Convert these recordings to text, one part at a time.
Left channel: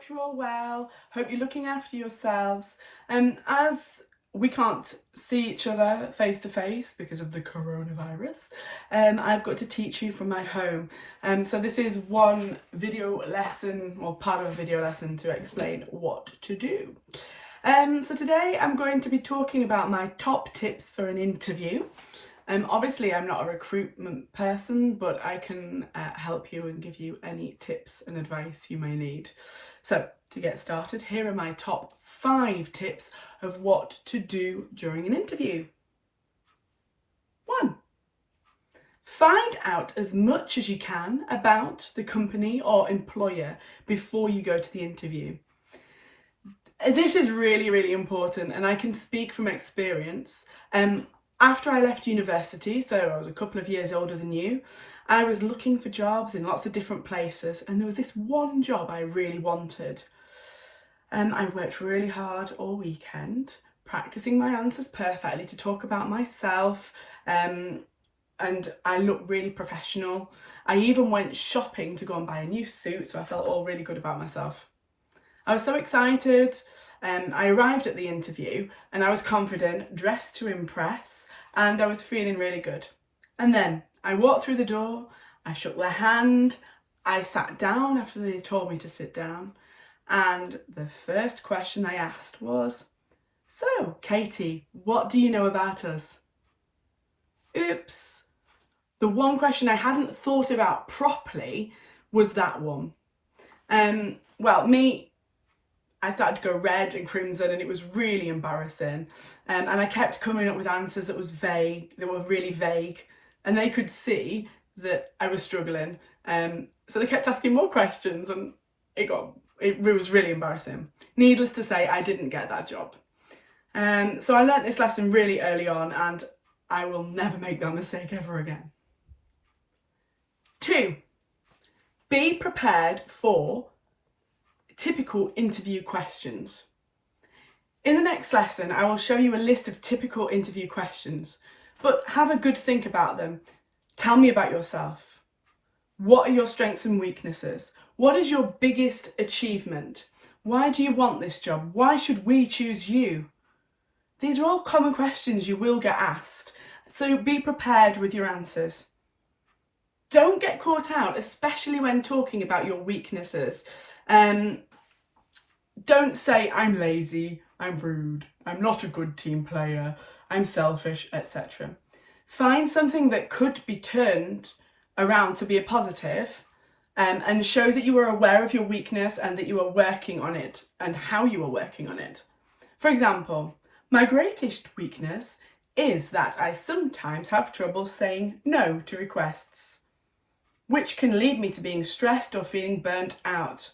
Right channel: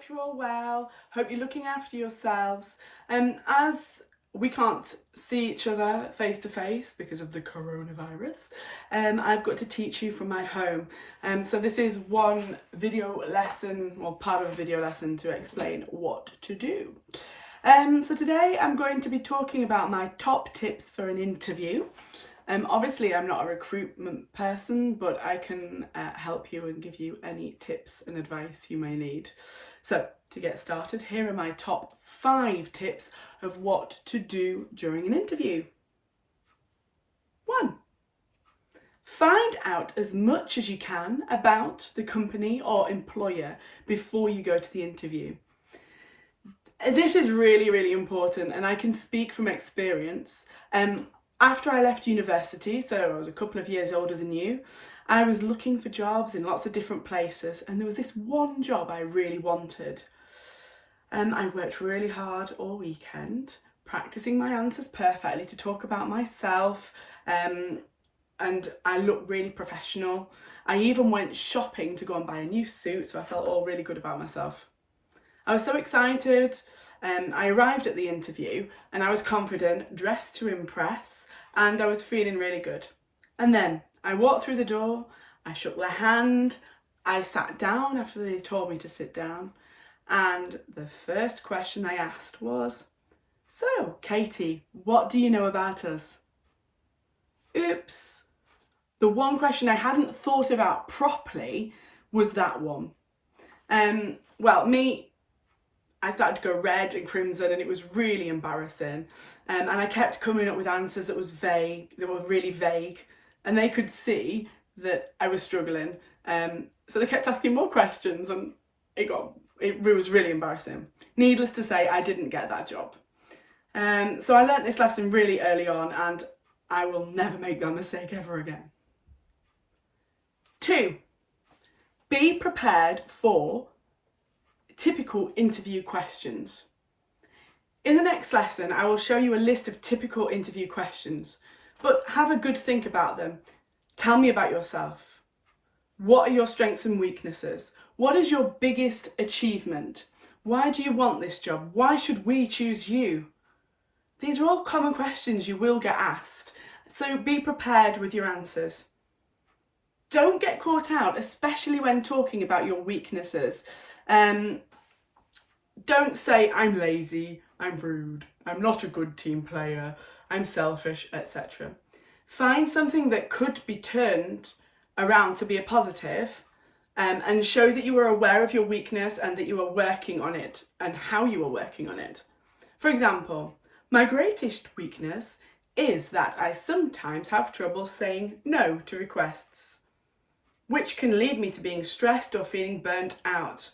hope you're all well. Hope you're looking after yourselves. As we can't see each other face to face because of the coronavirus, I've got to teach you from my home. So this is one video lesson, or part of a video lesson to explain what to do. So today I'm going to be talking about my top tips for an interview. Obviously I'm not a recruitment person, but I can help you and give you any tips and advice you may need. So to get started, here are my top 5 tips of what to do during an interview. 1. Find out as much as you can about the company or employer before you go to the interview. This is really, really important, and I can speak from experience. After I left university, so I was a couple of years older than you, I was looking for jobs in lots of different places, and there was this one job I really wanted. I worked really hard all weekend, practicing my answers perfectly to talk about myself, and I looked really professional. I even went shopping to go and buy a new suit, so I felt all really good about myself. I was so excited. I arrived at the interview and I was confident, dressed to impress, and I was feeling really good. And then I walked through the door, I shook their hand, I sat down after they told me to sit down, and the first question they asked was, "So, Katie, what do you know about us?" Oops. The one question I hadn't thought about properly was that one. I started to go red and crimson, and it was really embarrassing. And I kept coming up with answers that were really vague, and they could see that I was struggling. So they kept asking more questions, and it was really embarrassing. Needless to say, I didn't get that job. So I learnt this lesson really early on, and I will never make that mistake ever again. 2. Be prepared for typical interview questions. In the next lesson, I will show you a list of typical interview questions, but have a good think about them. Tell me about yourself. What are your strengths and weaknesses? What is your biggest achievement? Why do you want this job? Why should we choose you? These are all common questions you will get asked, so be prepared with your answers. Don't get caught out, especially when talking about your weaknesses. Don't say, "I'm lazy, I'm rude, I'm not a good team player, I'm selfish," etc. Find something that could be turned around to be a positive, and show that you are aware of your weakness and that you are working on it and how you are working on it. For example, my greatest weakness is that I sometimes have trouble saying no to requests, which can lead me to being stressed or feeling burnt out.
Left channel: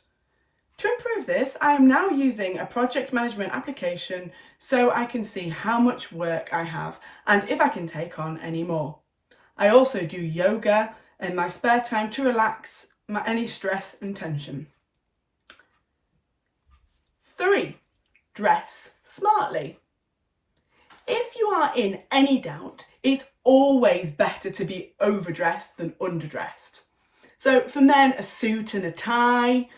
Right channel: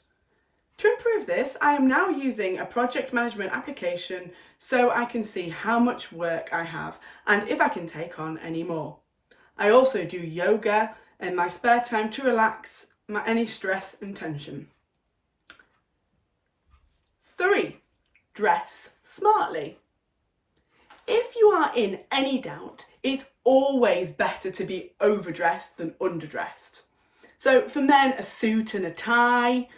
To improve this, I am now using a project management application so I can see how much work I have and if I can take on any more. I also do yoga in my spare time to relax any stress and tension. 3. Dress smartly. If you are in any doubt, it's always better to be overdressed than underdressed. So for men, a suit and a tie.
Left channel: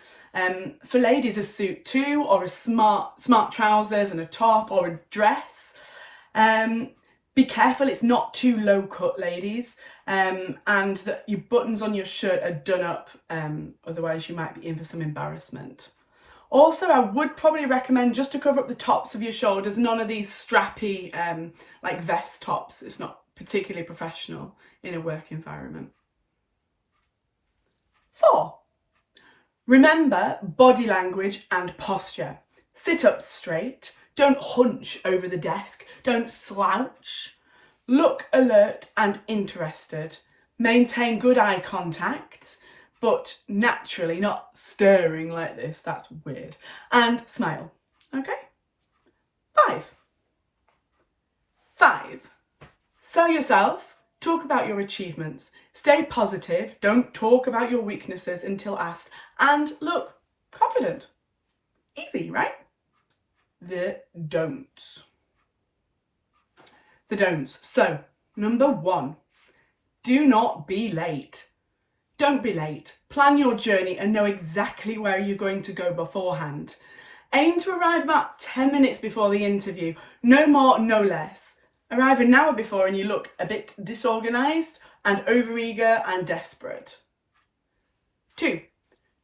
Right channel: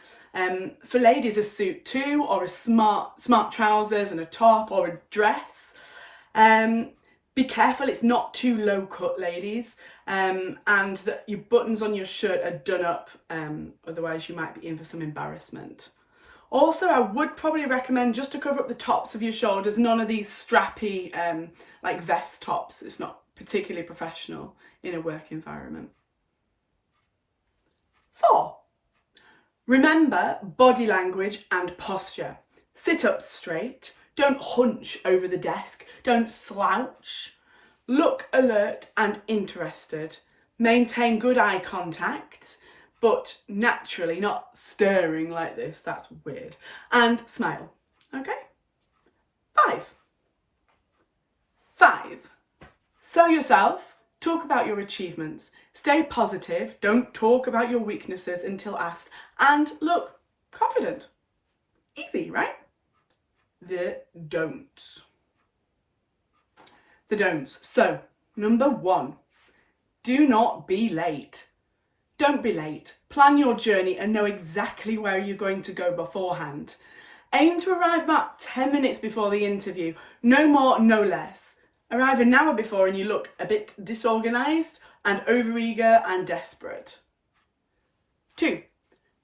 For ladies, a suit too, or a smart trousers and a top, or a dress. Be careful it's not too low cut, ladies, and that your buttons on your shirt are done up, otherwise you might be in for some embarrassment. Also, I would probably recommend just to cover up the tops of your shoulders, none of these strappy like vest tops. It's not particularly professional in a work environment. 4. Remember body language and posture. Sit up straight, don't hunch over the desk, don't slouch. Look alert and interested. Maintain good eye contact, but naturally, not staring like this, that's weird. And smile, okay? 5. Sell yourself. Talk about your achievements. Stay positive. Don't talk about your weaknesses until asked. And look confident. Easy, right? The don'ts. So, number 1, do not be late. Don't be late. Plan your journey and know exactly where you're going to go beforehand. Aim to arrive about 10 minutes before the interview. No more, no less. Arrive an hour before and you look a bit disorganised and overeager and desperate. 2.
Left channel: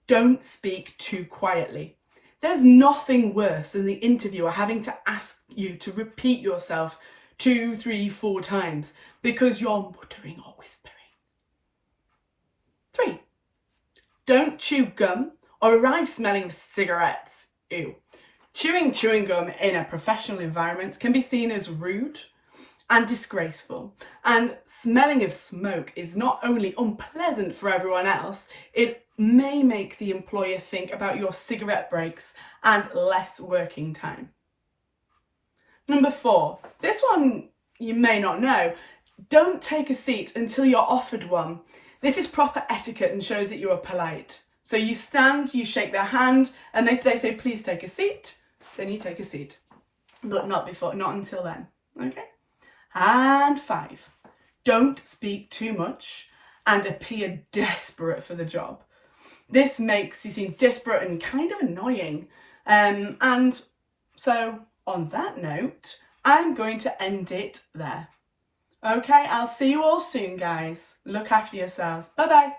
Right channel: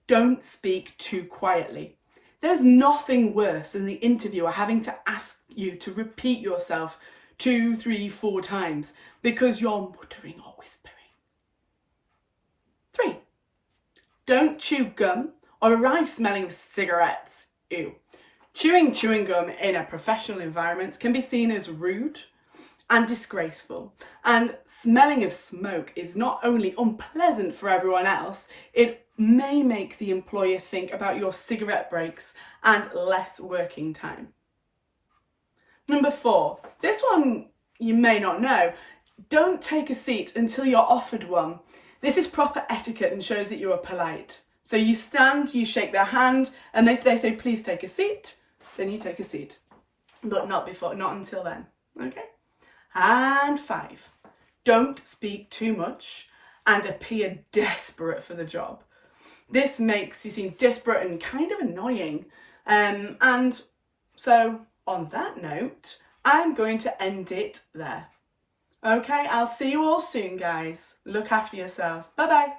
Don't speak too quietly. There's nothing worse than the interviewer having to ask you to repeat yourself 2, 3, 4 times because you're muttering or whispering. 3. Don't chew gum or arrive smelling of cigarettes. Ew. Chewing gum in a professional environment can be seen as rude and disgraceful, and smelling of smoke is not only unpleasant for everyone else, it may make the employer think about your cigarette breaks and less working time. Number 4, this one you may not know, don't take a seat until you're offered one. This is proper etiquette and shows that you are polite. So you stand, you shake their hand, and if they say please take a seat, then you take a seat. But not until then, okay? And 5, don't speak too much and appear desperate for the job. This makes you seem desperate and kind of annoying. And so on that note, I'm going to end it there. Okay, I'll see you all soon, guys. Look after yourselves. Bye-bye.